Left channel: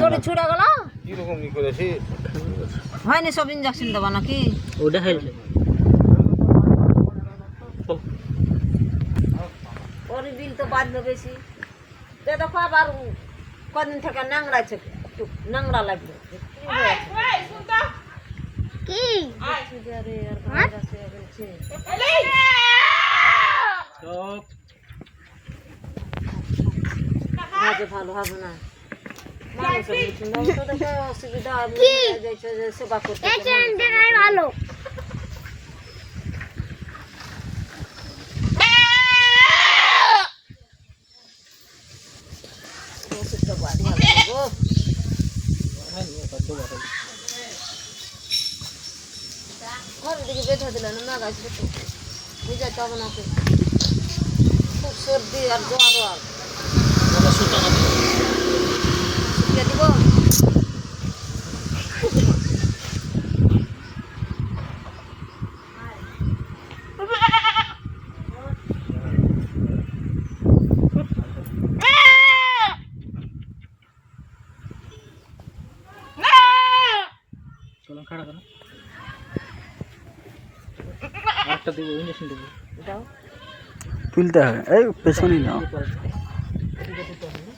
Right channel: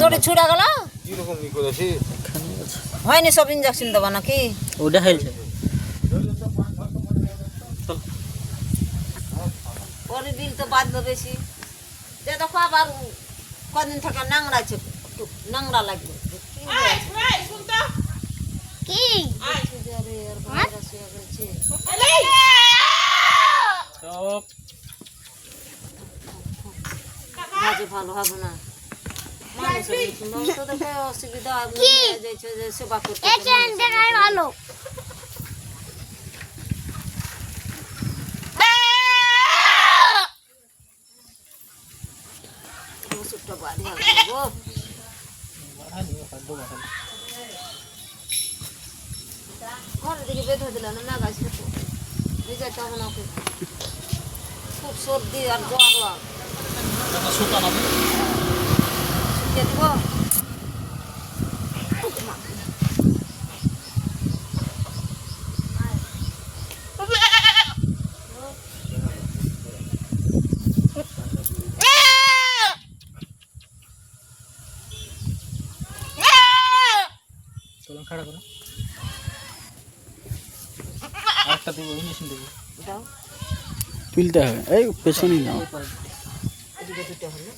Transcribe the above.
দড়ি ছুড়া গেল কিরকম ই করেছি হয়নি সব ইঞ্জেকশন দেবো নাকি ওটা হয়েছে ওর বিল তো বাঁধবে বেশি যে দেখো আবার কদিন থেকে নাংড়াছে একটু নাংড়া লাগবে কি আরে আর ভাইরাস হয়ে গেছে সব কাজে ভালো হবে না মানুষের মতন তো দেখো অসুবিধা কি? হয়ে যাচ্ছে যে সেবা করতে এই চ্যানেলটাই ভালো ওষুধটা বাড়ি ভালো গো ঘরের দিকে বেঁধে দিল না মেঘা ছোট বুঝাতে হবে না ওকে খুব সর্দি আর জ্বর আর শুকিয়ে দিব কলম খাড়া করো আরেকটা দেবো ইঞ্জেকশন দেবো দাও তুলতে হবে এই পেছনে নাও এদিকে দুটো হলে